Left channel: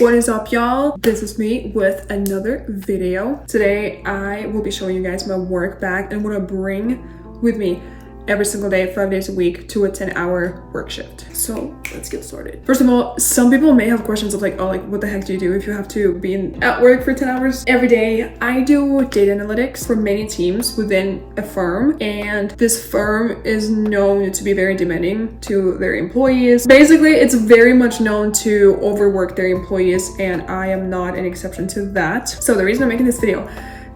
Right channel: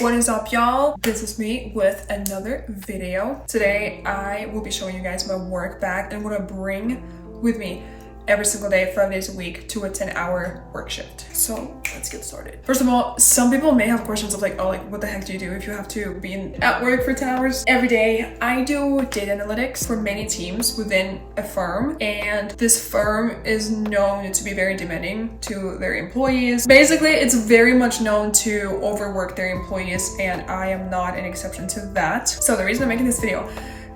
What is up, y'all? This is me with another video. Today I will be showing you guys my work bag and what I bring with me every single day, 5 days a week, to a 10-hour work shift. So let's get started. First of all, some people may have questions of like, oh, like what the heck do you do if you have to be at work for 10 hours every day? I do data analytics for many teams within a firm, and this firm is known to be very demanding to their employees. Basically, it's very much known to overwork their employees, and I am not an exception to that. So the reason I'm making this video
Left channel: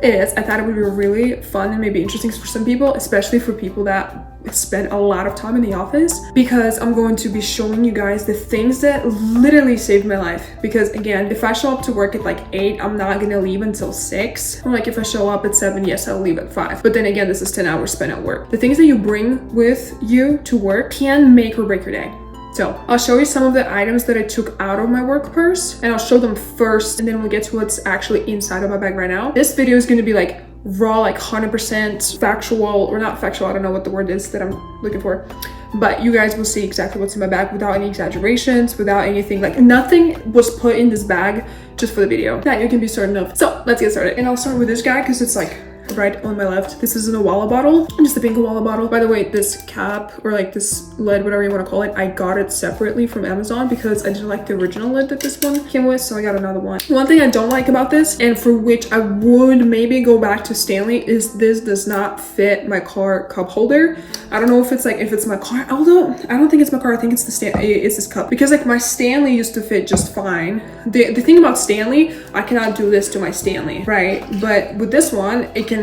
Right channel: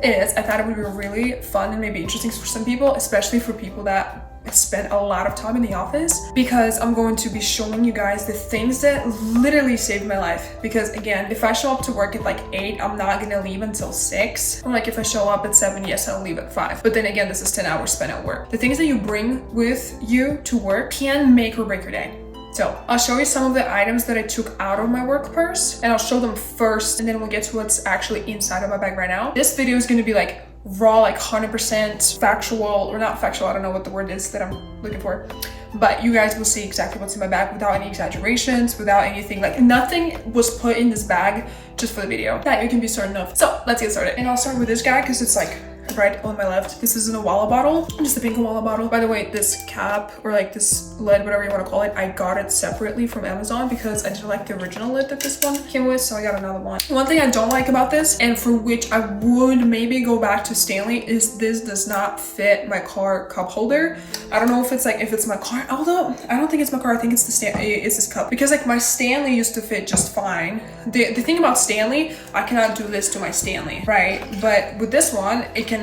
is I thought it would be really fun and maybe interesting for some people, especially for people that spend a lot of time in the office, because I'm going to be showing you guys the things that literally saved my life. Because again, if I show up to work at like 8, I'm not gonna leave until 6. Or like if I show up at 7, yes, I'll leave at 5. But then again, this is 10 hours spent at work. The things that you bring with you to work can make or break your day. So I'll show you some of the items that I took out of my work purse, and I'll show them first, and then we'll get to what's actually inside of my bag right now. This video is going to be like raw, like 100% factual, or not factual, I don't know what the word is that I'm looking for, but you guys will see exactly what's in my bag without any exaggerations, without anything, like nothing was put in this bag just for the video. That you can be certain of. So let's get started. And I'll start with this guy because it's like right on my left. This is an Owala bottle, just a pink Owala bottle. By the way, this cap, or like this lid, whatever you want to call it, I got it separately from Amazon because I didn't like the original lid that this one came with, so I got another one. One thing I don't like about this, and for which I would maybe go back to Stanley, is this does not fit my car cup holder. I don't know if it's my car, although I don't think it's my car, I think it's it's this cup, because like my Stanley used to fit just fine. The thing about Stanley, I cannot do this to my Stanley, right? But with this one, it can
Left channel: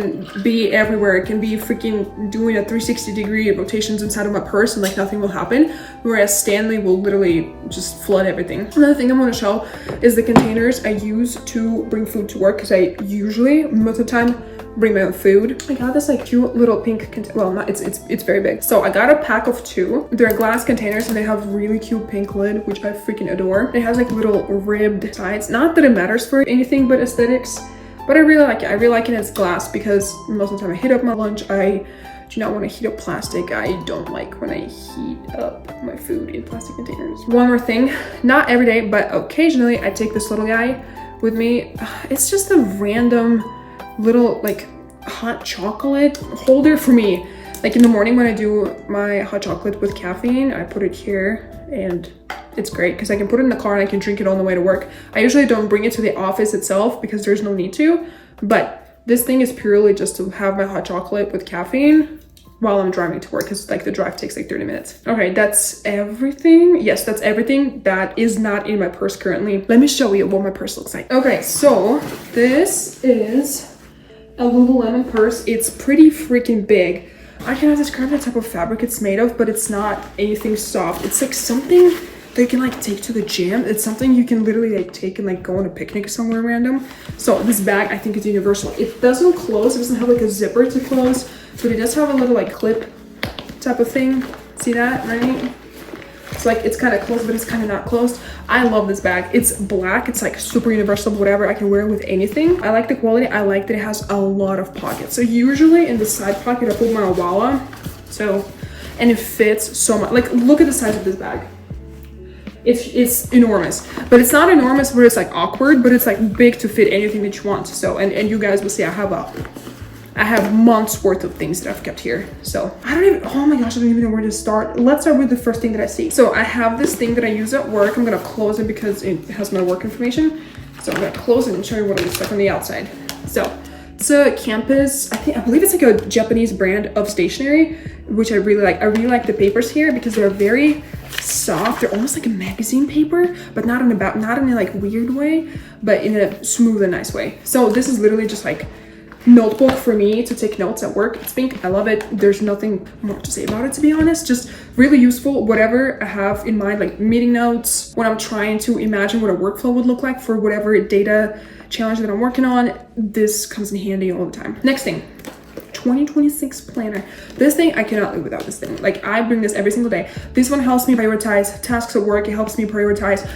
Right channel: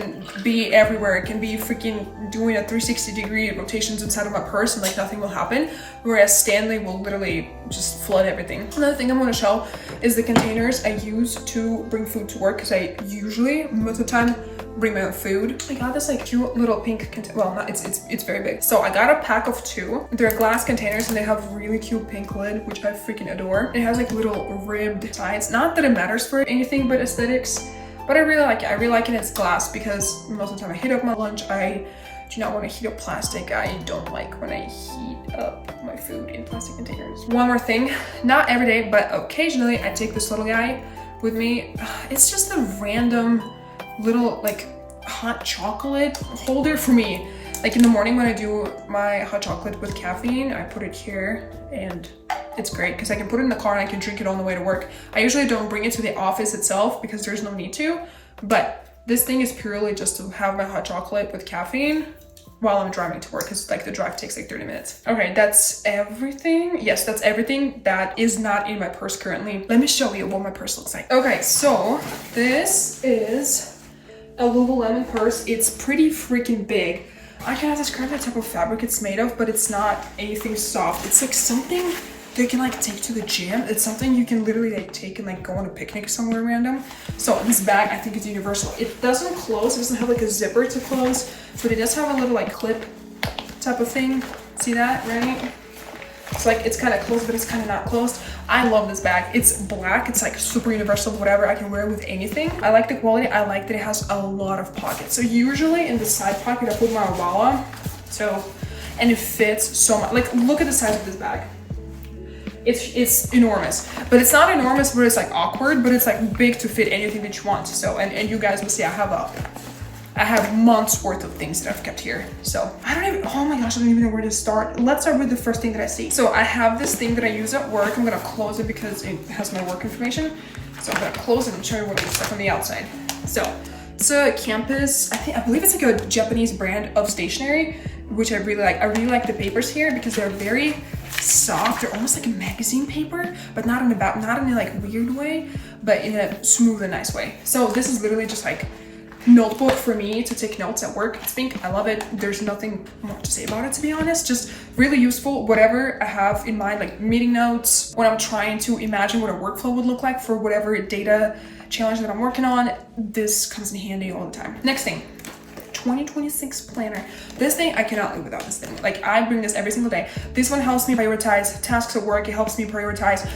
be everywhere. It can be freaking doing a 360-degree rotations inside of my purse and like nothing will happen, whereas Stanley will literally just flood everything. Another thing I'm going to show is the containers I use to bring food to work, because I usually, most of the time, bring my own food. I got this like cute little pink well, not it's very big. So I got a pack of 2. They're glass containers and they have really cute pink lid, which I freaking adore. It has like little ribbed sides. Not that it matters for anything but aesthetics, but I really like it. I really like it as glass because most of the time I heat up my lunch. I do not want to heat up plastic. I don't like when I heat up my food in plastic containers. One more thing, not every day, but occasionally I take this little guy with me. It's just a random little like hot chocolate holder for me. Like in the morning when I do my hot chocolate with caffeine, I put it here, and it's great because I can put it in the car and I can drink it on the way to work. I usually don't bring it to the office itself because there's no need to, but this thing is purely just to have my hot chocolate with caffeine while I'm driving to work, because like the drive takes like 30 minutes. Okay, that's everything. Yes, that's everything that is not in my purse currently. Let me show you what my purse looks like. Okay, so this is a Lululemon purse. It's pretty freaking big. I cannot describe the type of fabric it's made of, but it's not anything soft. It's like something that you can like take to the gym. It's something you can literally like take and like go on a picnic somewhere random. So this bag, I think, is universal. It doesn't close. It doesn't have like a zipper to close, but it does have a little like clip type of thing. See that, right? So like it's kind of closed, but it's kind of not closed. I love this bag. It's black. It's like super universal, whatever. I can wear it with anything. I like the quality. I like that it has a lot of pockets. So usually in the side pocket, I put my Owala. So, and it fits so much. Like look at the size of this bag. It's enormous, but it's not enormous where it's like awkward, but it's like big to fit anything that you want. So, and you guys will see I have months worth of things that I've kept here. So I don't even, oh my gosh, I don't even know where to start. Let's start with the first thing that I see. So I have this thing that I use at work. I'm gonna close it because it has my work information. So I'm gonna close it and show you what it looks like on the outside. So it's a Campus, I believe it's like a Japanese brand of stationery, which I really like. I really like the papers here because they're very soft. They're almost like a magazine paper, but not in a like weird way, but in a smooth and nice way. So this is literally just like notebook for me to take notes at work. It's pink. I love it. There's nothing more to say about it, to be honest. Just really useful, whatever I have in mind, like meeting notes, when I'm trying to imagine what a workflow would look like for whatever data challenge that I'm working on. This comes in handy all the time. Next thing, 2026 planner. This thing, I cannot live without this thing. Like I bring this every single day. This one helps me prioritize tasks at work. It helps me prioritize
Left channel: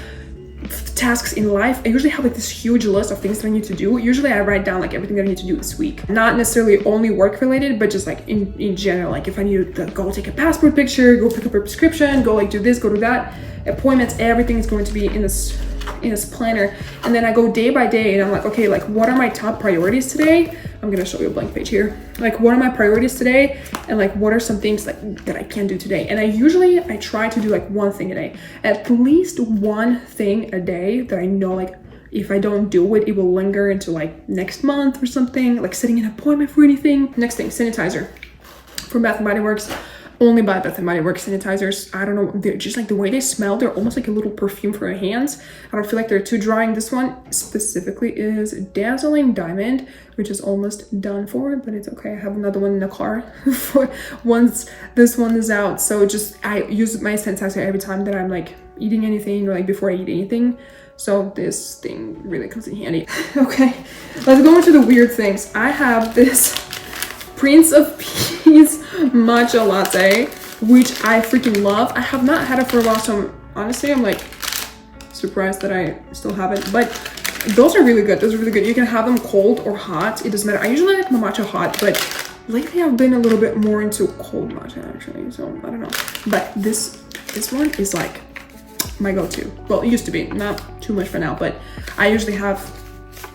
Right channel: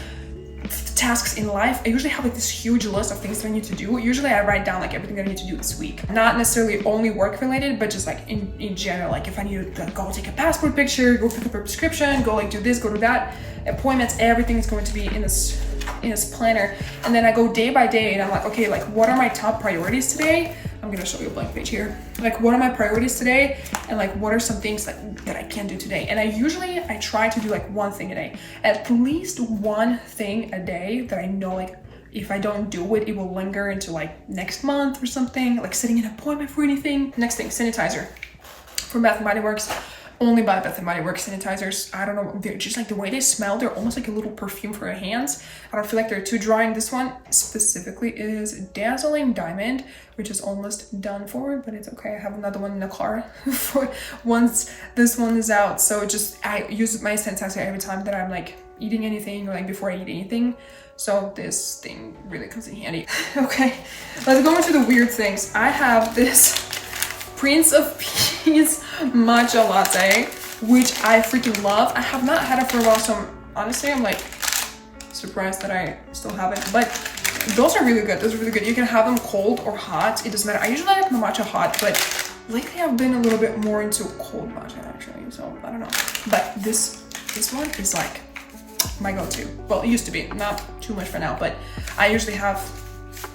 tasks in life. I usually have like this huge list of things that I need to do. Usually I write down like everything that I need to do this week. Not necessarily only work related, but just like in general, like if I need to go take a passport picture, go pick up a prescription, go like do this, go to that, appointments, everything is going to be in this in this planner, and then I go day by day and I'm like, okay, like what are my top priorities today? I'm gonna show you a blank page here. Like what are my priorities today? And like what are some things like that I can do today? And I try to do like one thing a day, at least one thing a day that I know like if I don't do it, it will linger into like next month or something, like setting an appointment for anything. Next thing, sanitizer from Bath & Body Works. Only buy Bath & Body Works sanitizers. I don't know, they're just like the way they smell, they're almost like a little perfume for your hands. I don't feel like they're too drying. This one specifically is Dazzling Diamond, which is almost done for, but it's okay. I have another one in the car for once this one is out. So I use my sanitizer every time that I'm like eating anything or like before I eat anything. So this thing really comes in handy. Okay, let's go into the weird things. I have this Prince of Peace matcha latte, which I freaking love. I have not had it for a while, so honestly I'm like surprised that I still have it, but those are really good. Those are really good. You can have them cold or hot, it doesn't matter. I usually like my matcha hot, but lately I've been a little bit more into cold matcha actually, so I don't know. But this one is like my go-to. Well, it used to be, not too much for now, but I usually have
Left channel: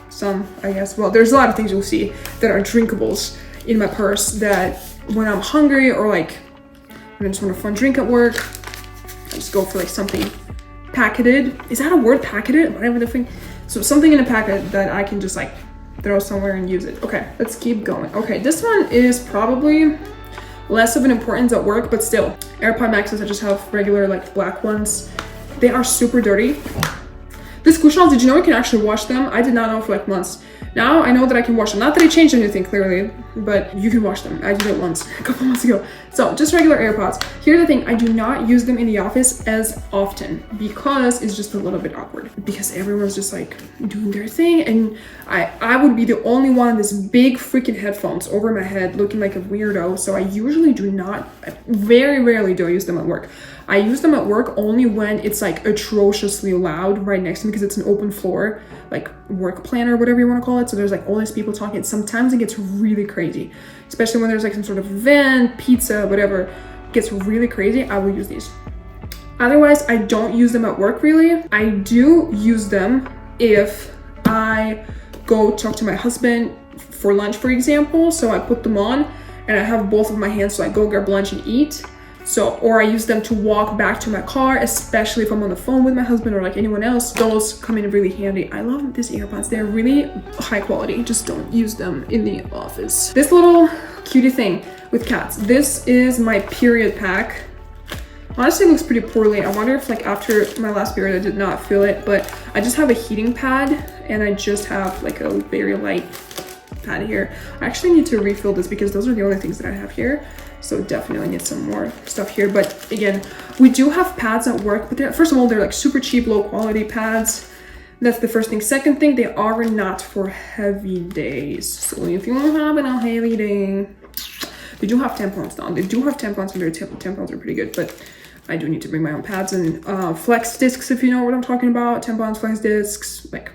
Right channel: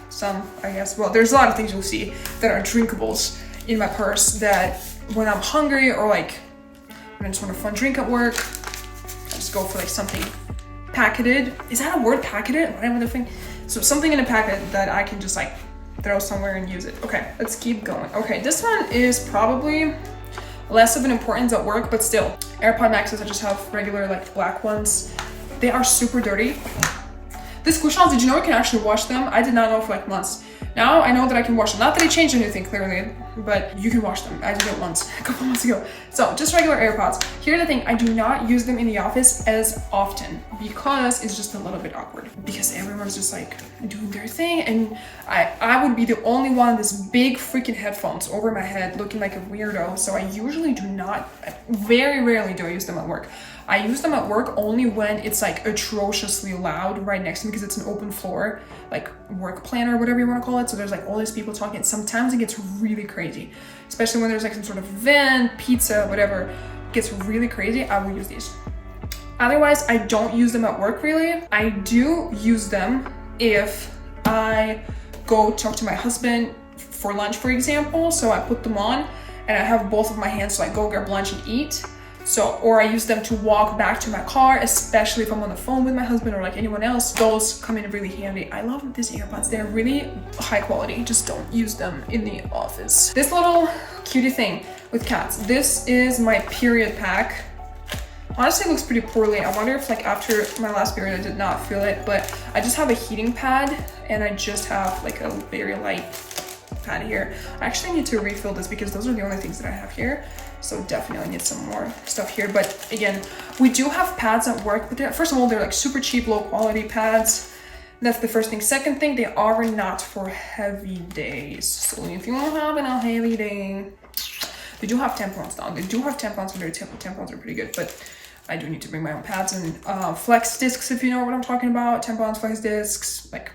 some, I guess. Well, there's a lot of things you'll see that are drinkables in my purse that when I'm hungry or like when I just want a fun drink at work, I just go for like something packeted. Is that a word, packeted? Whatever the thing. So something in a packet that I can just like throw somewhere and use it. Okay, let's keep going. Okay, this one is probably less of an importance at work, but still. AirPod Maxes, I just have regular like black ones. They are super dirty. These cushions, did you know you can actually wash them? I did not know for like months. Now I know that I can wash them. Not that it changed anything clearly, but you can wash them. I did it once a couple months ago. So just regular AirPods. Here's the thing, I do not use them in the office as often because it's just a little bit awkward because everyone's just like doing their thing and I would be the only one with this big freaking headphones over my head looking like a weirdo. So I usually do not, very rarely do I use them at work. I use them at work only when it's like atrociously loud right next to me because it's an open floor, like work plan or whatever you want to call it. So there's like all these people talking. Sometimes it gets really crazy, especially when there's like some sort of event, pizza, whatever, it gets really crazy. I will use these. Otherwise, I don't use them at work really. I do use them if I go talk to my husband for lunch, for example. So I put them on and I have both of my hands so I go grab lunch and eat. So, or I use them to walk back to my car, especially if I'm on the phone with my husband or like anyone else. Those come in really handy. I love these AirPods. They're really high quality. Just don't use them in the office. This little cutie thing with cats. This is my period pack. Honestly, it looks pretty poorly. I wonder if like after my last period, I did not feel it, but I just have a heating pad and I just have like a very light pad here. I actually need to refill this because those are the only things that I have here. So definitely need some more stuff here. But again, we do have pads at work, but first of all, they're like super cheap, low quality pads. That's the first thing. Second thing, they are not for heavy days. So if you want to have a heavy day, they do have tampons down. They do have tampons and their tampons are pretty good, but I do need to bring my own pads and flex discs, if you know what I'm talking about. Tampons, flex discs, like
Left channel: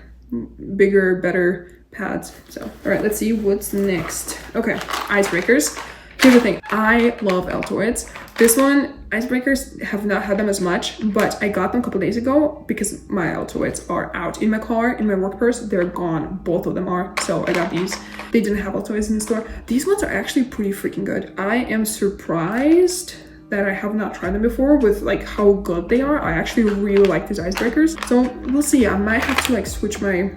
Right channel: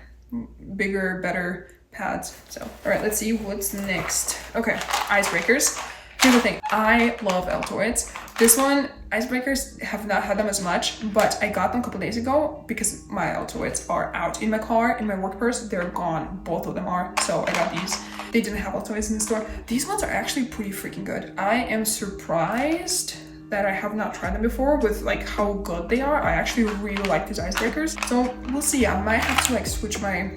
bigger, better pads. So, all right, let's see what's next. Okay, icebreakers. Here's the thing, I love Altoids. This one, icebreakers, have not had them as much, but I got them a couple days ago because my Altoids are out. In my car, in my work purse, they're gone. Both of them are. So I got these. They didn't have Altoids in the store. These ones are actually pretty freaking good. I am surprised that I have not tried them before with like how good they are. I actually really like these icebreakers. So we'll see. I might have to like switch my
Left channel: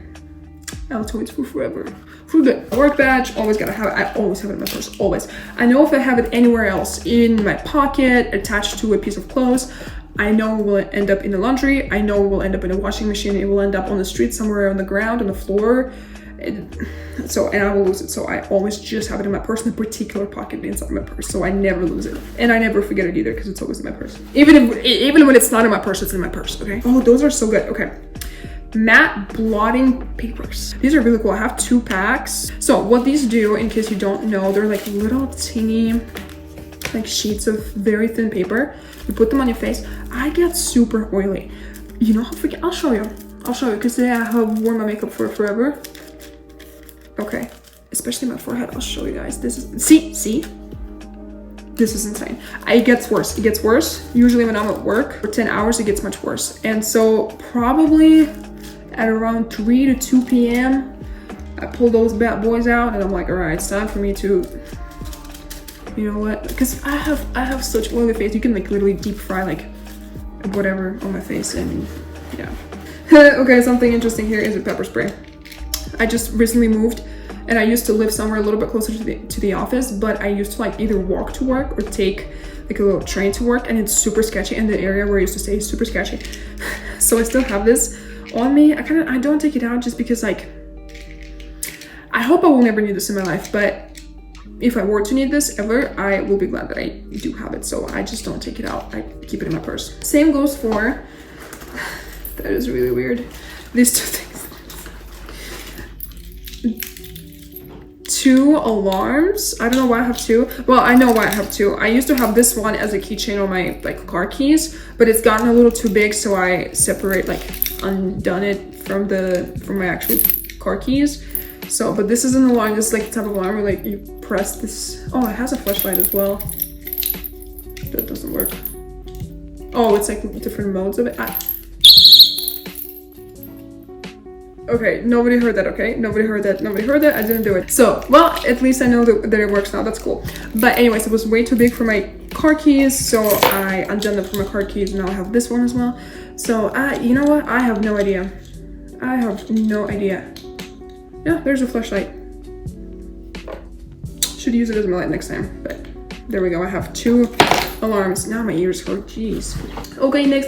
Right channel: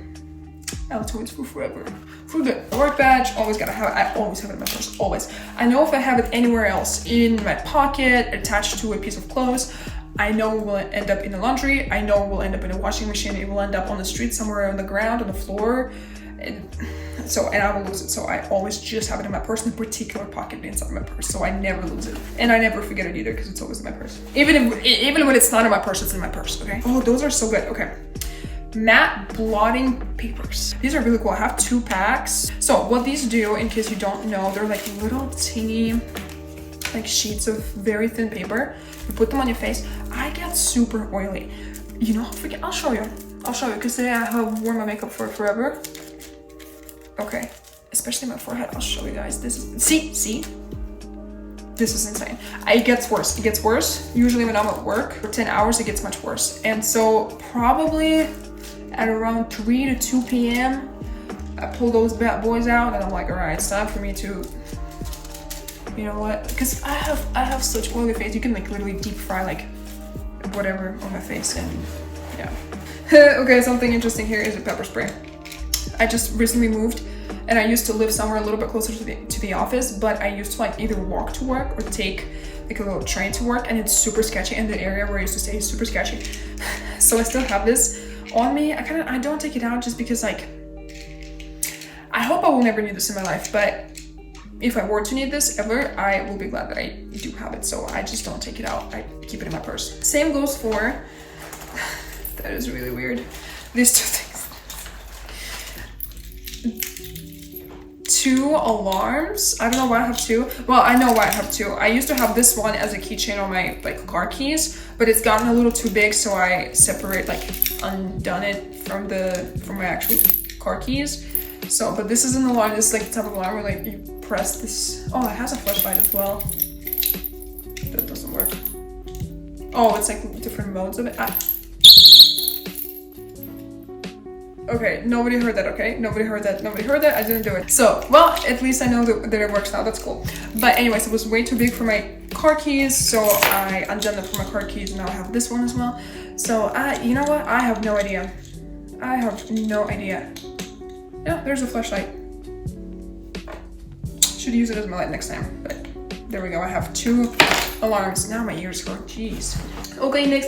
Altoids for forever. For good. Work badge, always gotta have it. I always have it in my purse, always. I know if I have it anywhere else, in my pocket, attached to a piece of clothes, I know it will end up in the laundry. I know it will end up in a washing machine. It will end up on the street somewhere on the ground, on the floor. And I will lose it. So I always just have it in my purse, in a particular pocket inside my purse. So I never lose it. And I never forget it either because it's always in my purse. Even when it's not in my purse, it's in my purse, okay? Oh, those are so good, okay. Matte blotting papers. These are really cool. I have 2 packs. So what these do, in case you don't know, they're like little teeny like sheets of very thin paper. You put them on your face. I get super oily. You know how freaking, I'll show you because today I have worn my makeup for forever. Okay, especially my forehead. I'll show you guys. This is, see? This is insane. It gets worse. It gets worse. Usually when I'm at work for 10 hours, it gets much worse. And so probably at around 3 to 2 p.m. I pull those bad boys out and I'm like, all right, it's time for me to, you know what? Because I have such oily face. You can like literally deep fry like whatever on my face, and yeah. Okay, something interesting here is a pepper spray. I just recently moved and I used to live somewhere a little bit closer to the office, but I used to like either walk to work or take like a little train to work, and it's super sketchy, and the area where I used to stay is super sketchy. So I still have this on me. I don't take it out just because like, I hope I will never need this in my life, but if I were to need this ever, I will be glad that I do have it. So I just don't take it out. I keep it in my purse. Same goes for, that is really weird, these two things. 2 alarms. I don't know why I have 2. Well, I know why I have 2. I used to have this one as a keychain on my like car keys, but it's gotten a little too big, so I undone it from my actual car keys. So, but this is an alarm. This is like the type of alarm where like you press this. Oh, it has a flashlight as well. That doesn't work. Oh, it's like different modes of it. Okay, nobody heard that, okay? Nobody heard that, I didn't do it. So, well, at least I know that it works now, that's cool. But anyways, it was way too big for my car keys, so I undone them for my car keys, and now I have this one as well. So, you know what? I have no idea. Yeah, there's a flashlight. Should use it as my light next time, but there we go. I have 2 alarms. Now my ears hurt, jeez. Okay, next.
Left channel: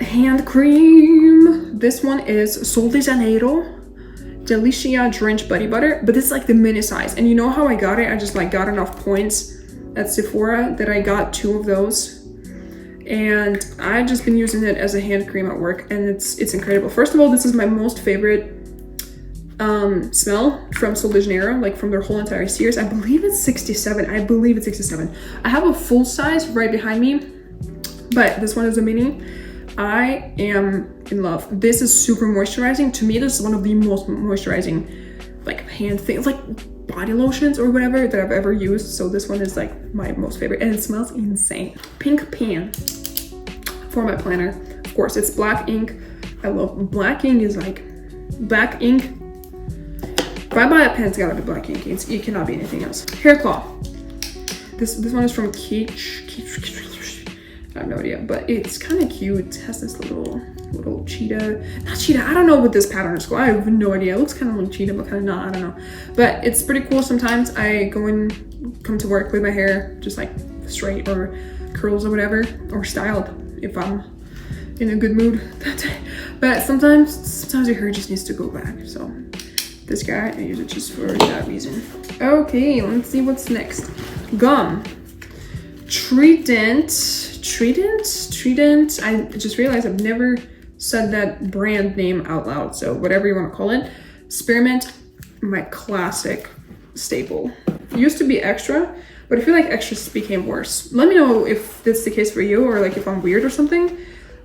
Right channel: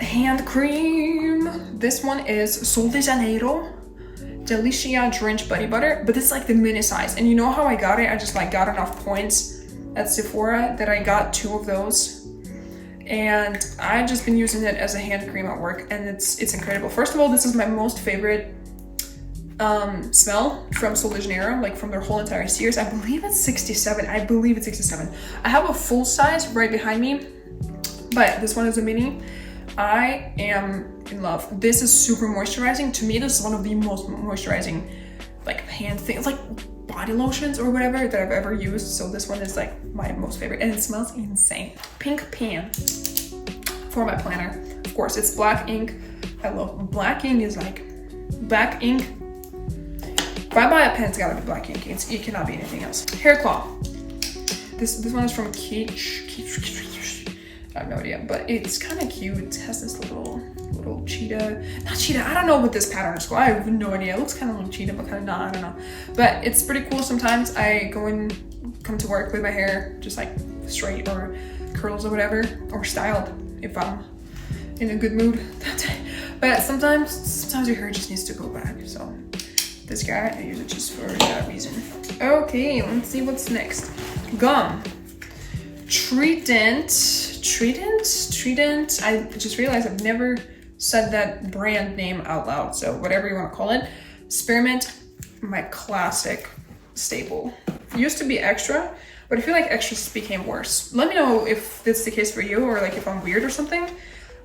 Hand cream. This one is Sol de Janeiro Delicia Drench Body Butter, but it's like the mini size. And you know how I got it? I just like got enough points at Sephora that I got 2 of those. And I've just been using it as a hand cream at work, and it's incredible. First of all, this is my most favorite smell from Sol de Janeiro, like from their whole entire series. I believe it's 67. I have a full size right behind me, but this one is a mini. I am in love. This is super moisturizing. To me, this is one of the most moisturizing like hand things, like body lotions or whatever that I've ever used. So this one is like my most favorite, and it smells insane. Pink pen for my planner. Of course, it's black ink. I love black ink. Is like black ink. If I buy a pen, it's gotta be black ink. It cannot be anything else. Hair claw. This one is from Keach. I have no idea, but it's kind of cute. It has this little cheetah. Not cheetah. I don't know what this pattern is called. I have no idea. It looks kind of like cheetah, but kind of not. I don't know. But it's pretty cool. Sometimes I come to work with my hair just like straight or curls or whatever, or styled if I'm in a good mood that day. But sometimes your hair just needs to go back. So this guy, I use it just for that reason. Okay, let's see what's next. Gum. Trident. I just realized I've never said that brand name out loud, so whatever you want to call it. Spearmint, my classic staple. It used to be extra, but I feel like extras became worse. Let me know if that's the case for you, or like if I'm weird or something,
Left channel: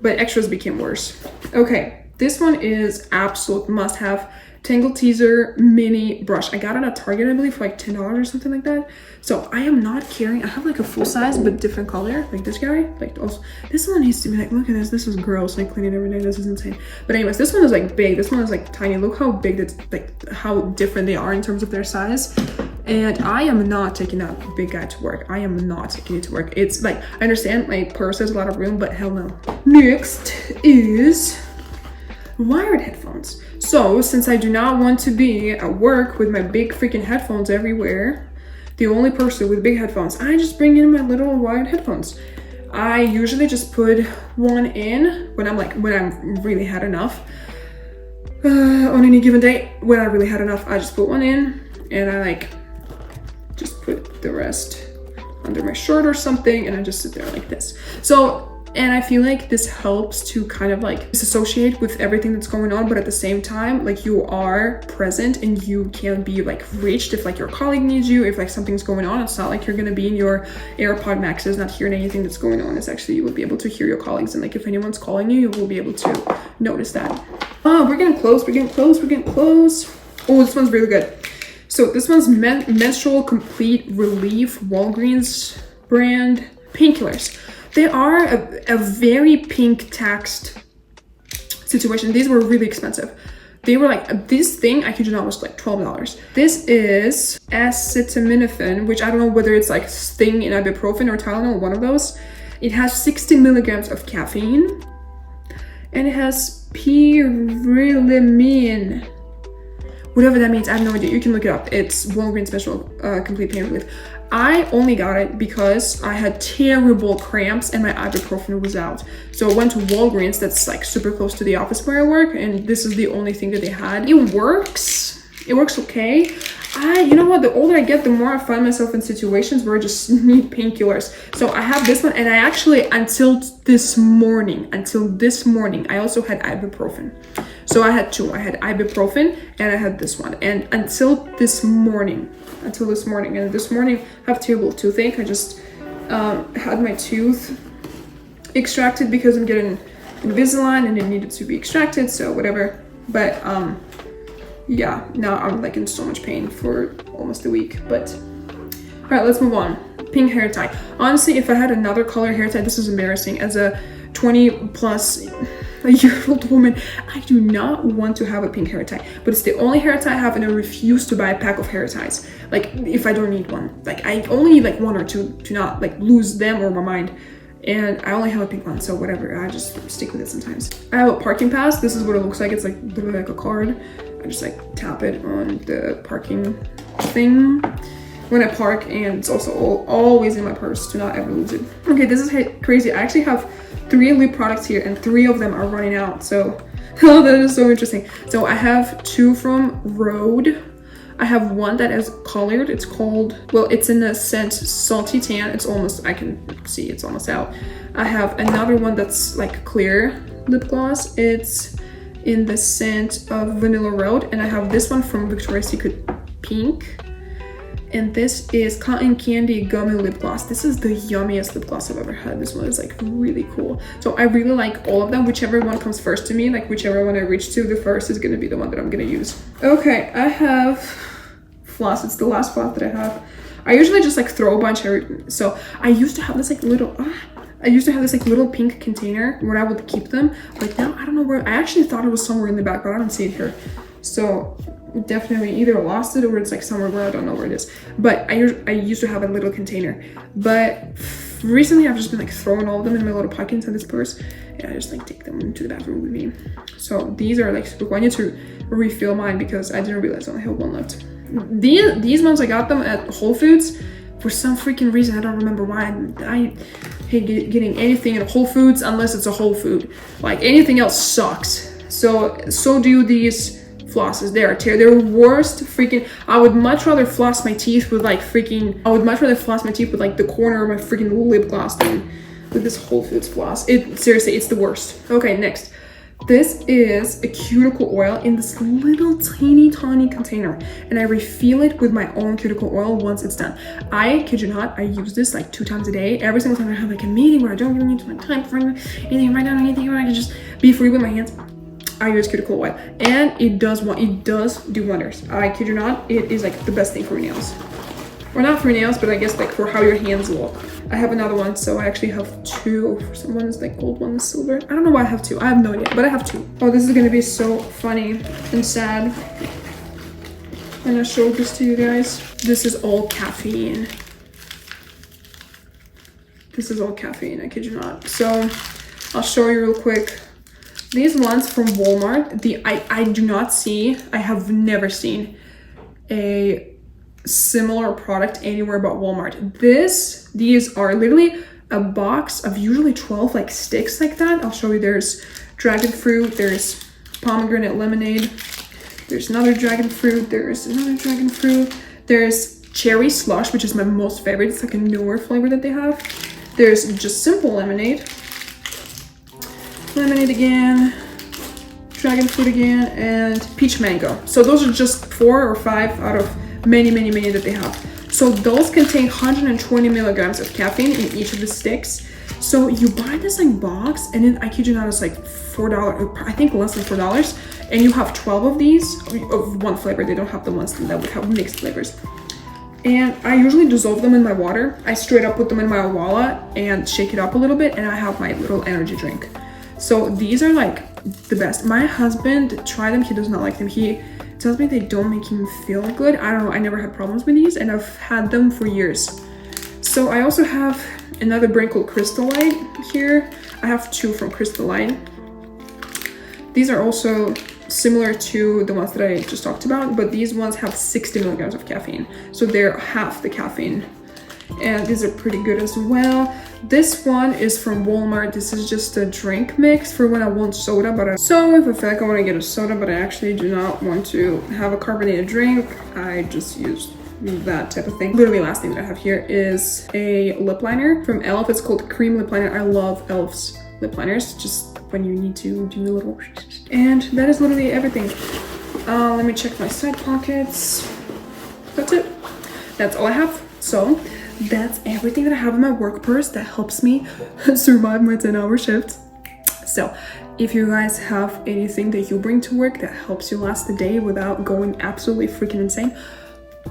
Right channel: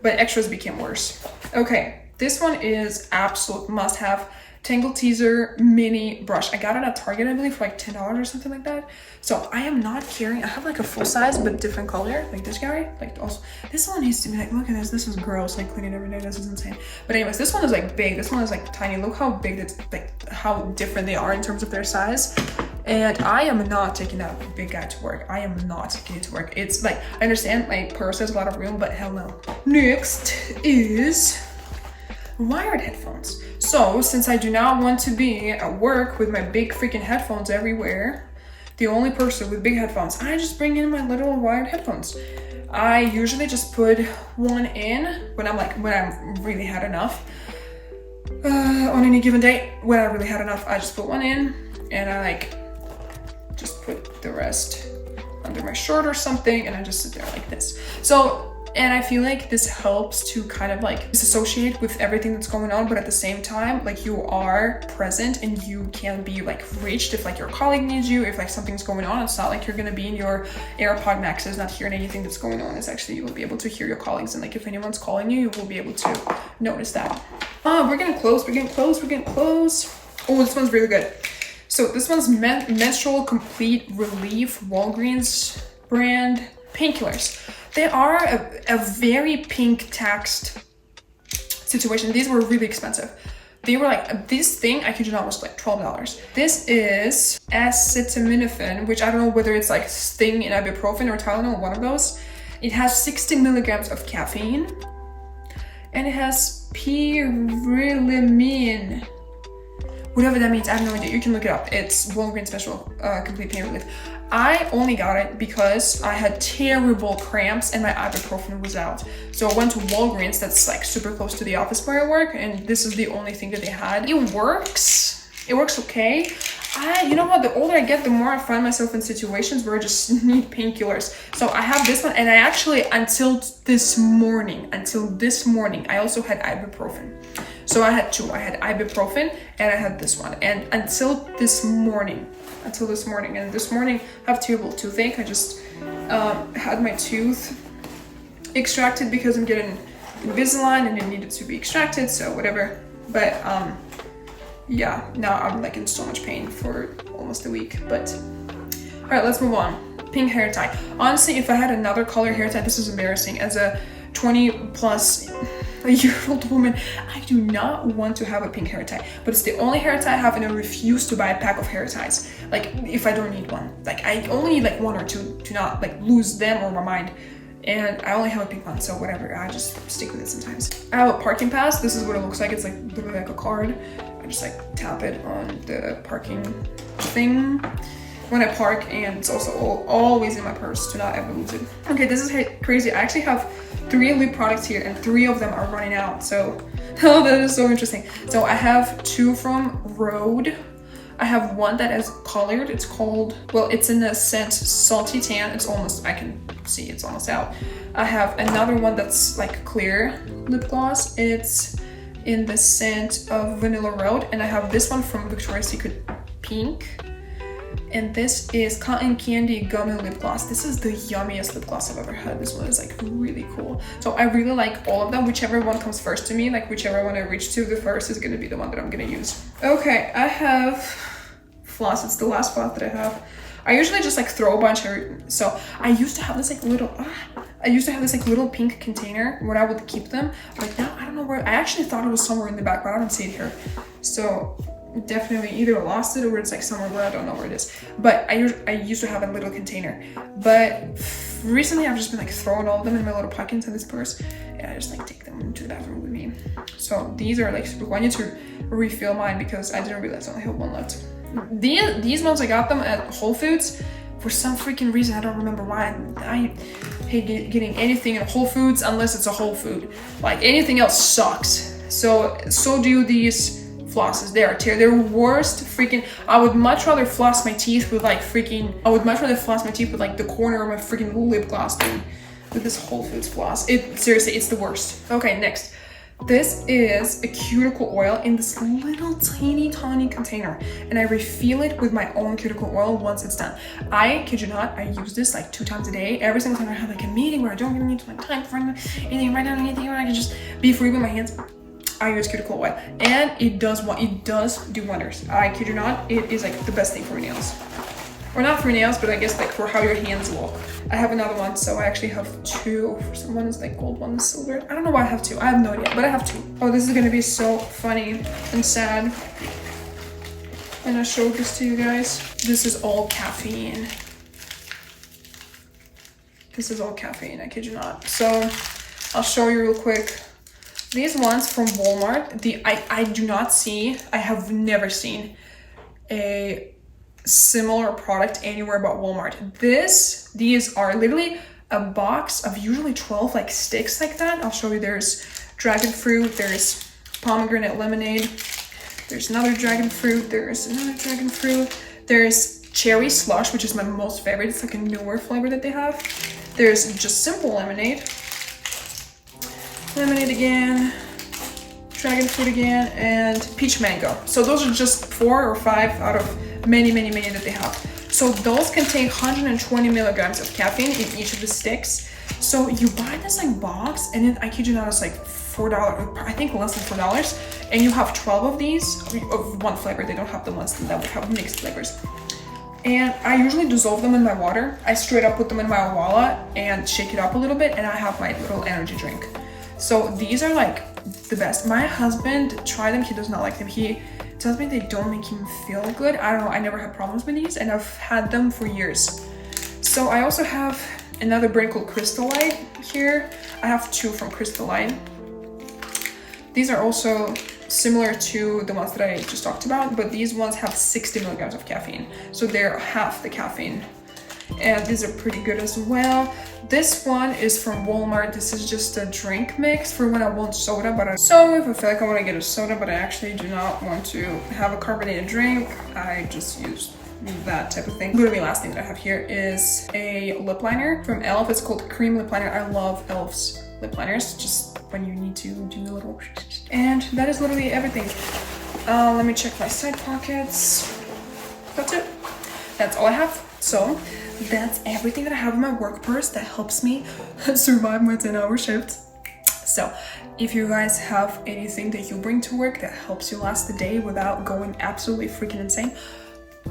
but extras became worse. Okay, this one is absolute must-have. Tangle Teezer mini brush. I got it at Target, I believe, for like $10 or something like that. So I am not carrying, I have like a full size but different color, like this guy. Like also, this one needs to be like, look at this, this is gross. Like cleaning every day, this is insane. But anyways, this one is like big, this one is like tiny. Look how big that's, like how different they are in terms of their size. And I am not taking that big guy to work. I am not taking it to work. It's like, I understand my purse has a lot of room, but hell no. Next is wired headphones. So since I do not want to be at work with my big freaking headphones everywhere, the only person with big headphones, I just bring in my little wired headphones. I usually just put one in when I'm really had enough. On any given day, when I really had enough, I just put one in, and I like just put the rest under my shirt or something, and I just sit there like this. So, and I feel like this helps to kind of like disassociate with everything that's going on, but at the same time, like you are present and you can be like reached if like your colleague needs you, if like something's going on. It's not like you're gonna be in your AirPod Maxes not hearing anything that's going on. It's actually, you will be able to hear your colleagues, and like if anyone's calling you, you will be able to notice that. Oh, we're getting close. Oh, this one's really good. So this one's Menstrual Complete Relief, Walgreens brand painkillers. They are a very pink text situation. These were really expensive. They were like, this thing, I kid you not, was like $12. This is acetaminophen, which I don't know whether it's like Sting in ibuprofen or Tylenol, one of those. It has 60 milligrams of caffeine, and it has pyrilamine. Whatever that means, I have no idea. You can look it up. It's Walgreens Special Complete Pain Relief. I only got it because I had terrible cramps and my ibuprofen was out. So I went to Walgreens, that's like super close to the office where I work, and this is the only thing that they had. It works. It works okay. You know what, the older I get, the more I find myself in situations where I just need painkillers. So I have this one, and I actually, until this morning, I also had ibuprofen. So I had two. I had ibuprofen and I had this one. And until this morning, and this morning I have terrible toothache. I just had my tooth extracted because I'm getting Invisalign and it needed to be extracted, so whatever. But yeah, now I'm like in so much pain for almost a week. But all right, let's move on. Pink hair tie. Honestly, if I had another color hair tie, this is embarrassing. As a 20-plus-year-old woman, I do not want to have a pink hair tie, but it's the only hair tie I have, and I refuse to buy a pack of hair ties. Like, if I don't need one. Like, I only need like one or two to not like lose them or my mind. And I only have a pink one, so whatever, I just stick with it sometimes. I have a parking pass. This is what it looks like. It's like literally like a card. I just like tap it on the parking thing when I park, and it's also always in my purse to not ever lose it. Okay, this is crazy. I actually have 3 lip products here, and 3 of them are running out, so oh, that is so interesting. So I have 2 from Rhode. I have one that is colored. It's called, well, it's in the scent Salty Tan. It's almost, I can see it's almost out. I have another one that's like clear lip gloss. It's in the scent of Vanilla Road. And I have this one from Victoria's Secret Pink. And this is Cotton Candy Gummy Lip Gloss. This is the yummiest lip gloss I've ever had. This one is like really cool. So I really like all of them. Whichever one comes first to me, like whichever one I reach to the first is gonna be the one that I'm gonna use. Okay, I have floss. It's the last floss that I have. I usually just like throw a bunch of, so I used to have this like little, little pink container where I would keep them. But now I don't know where, I actually thought it was somewhere in the back, but I don't see it here. So definitely either lost it or it's like somewhere where I don't know where it is. But I used to have a little container, but recently I've just been like throwing all of them in my little pocket into this purse, and I just like take them into the bathroom with me. So these are like super cool. I need to refill mine because I didn't realize I only had one left. These ones, I got them at Whole Foods for some freaking reason. I don't remember why. I hate getting anything in Whole Foods unless it's a whole food. Like anything else sucks. So do these flosses. They're worst freaking. I would much rather floss my teeth with like freaking. I would much rather floss my teeth with like the corner of my freaking lip gloss than with this Whole Foods floss. Seriously, it's the worst. Okay, next. This is a cuticle oil in this little tiny container, and I refill it with my own cuticle oil once it's done. I kid you not, I use this like 2 times a day. Every single time I have like a meeting where I don't really need to like time for anything, write down anything, where I can just be free with my hands, I use cuticle oil, and it does do wonders. I kid you not, it is like the best thing for nails. Or not for nails, but I guess like for how your hands look. I have another one, so I actually have 2. One is like gold, one is silver. I don't know why I have 2. I have no idea, but I have 2. Oh, this is gonna be so funny and sad when I show this to you guys. This is all caffeine. This is all caffeine, I kid you not. So I'll show you real quick. These ones from Walmart, I do not see, I have never seen a similar product anywhere but Walmart. These are literally a box of usually 12 like sticks like that. I'll show you. There's dragon fruit, there's pomegranate lemonade, there's another dragon fruit, there's another dragon fruit, there's cherry slush, which is my most favorite. It's like a newer flavor that they have. There's just simple lemonade again, dragon fruit again, and peach mango. So those are just 4 or 5 out of many that they have. So those contain 120 milligrams of caffeine in each of the sticks. So you buy this like box, and then I kid you not, it's like $4, I think less than $4, and you have 12 of these of one flavor. They don't have the ones that would have mixed flavors. And I usually dissolve them in my water. I straight up put them in my Owala and shake it up a little bit, and I have my little energy drink. So these are like the best. My husband tried them, he does not like them. He tells me they don't make him feel good. I don't know, I never had problems with these and I've had them for years. So I also have another brand called Crystalline here. I have two from Crystalline. These are also similar to the ones that I just talked about, but these ones have 60 milligrams of caffeine. So they're half the caffeine. And these are pretty good as well. This one is from Walmart. This is just a drink mix for when I want soda, so if I feel like I want to get a soda, but I actually do not want to have a carbonated drink, I just use that type of thing. Literally last thing that I have here is a lip liner from e.l.f. It's called Cream Lip Liner. I love e.l.f.'s lip liners, just when you need to do a little. And that is literally everything. Let me check my side pockets. That's it. That's all I have. So that's everything that I have in my work purse that helps me survive my 10-hour shift. So if you guys have anything that you bring to work that helps you last the day without going absolutely freaking insane,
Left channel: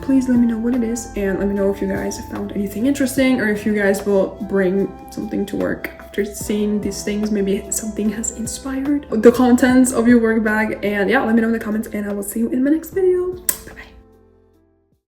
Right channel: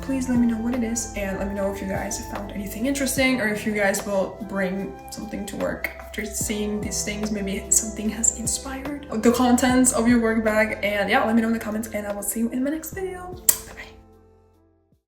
please let me know what it is, and let me know if you guys have found anything interesting, or if you guys will bring something to work after seeing these things. Maybe something has inspired the contents of your work bag. And yeah, let me know in the comments, and I will see you in my next video.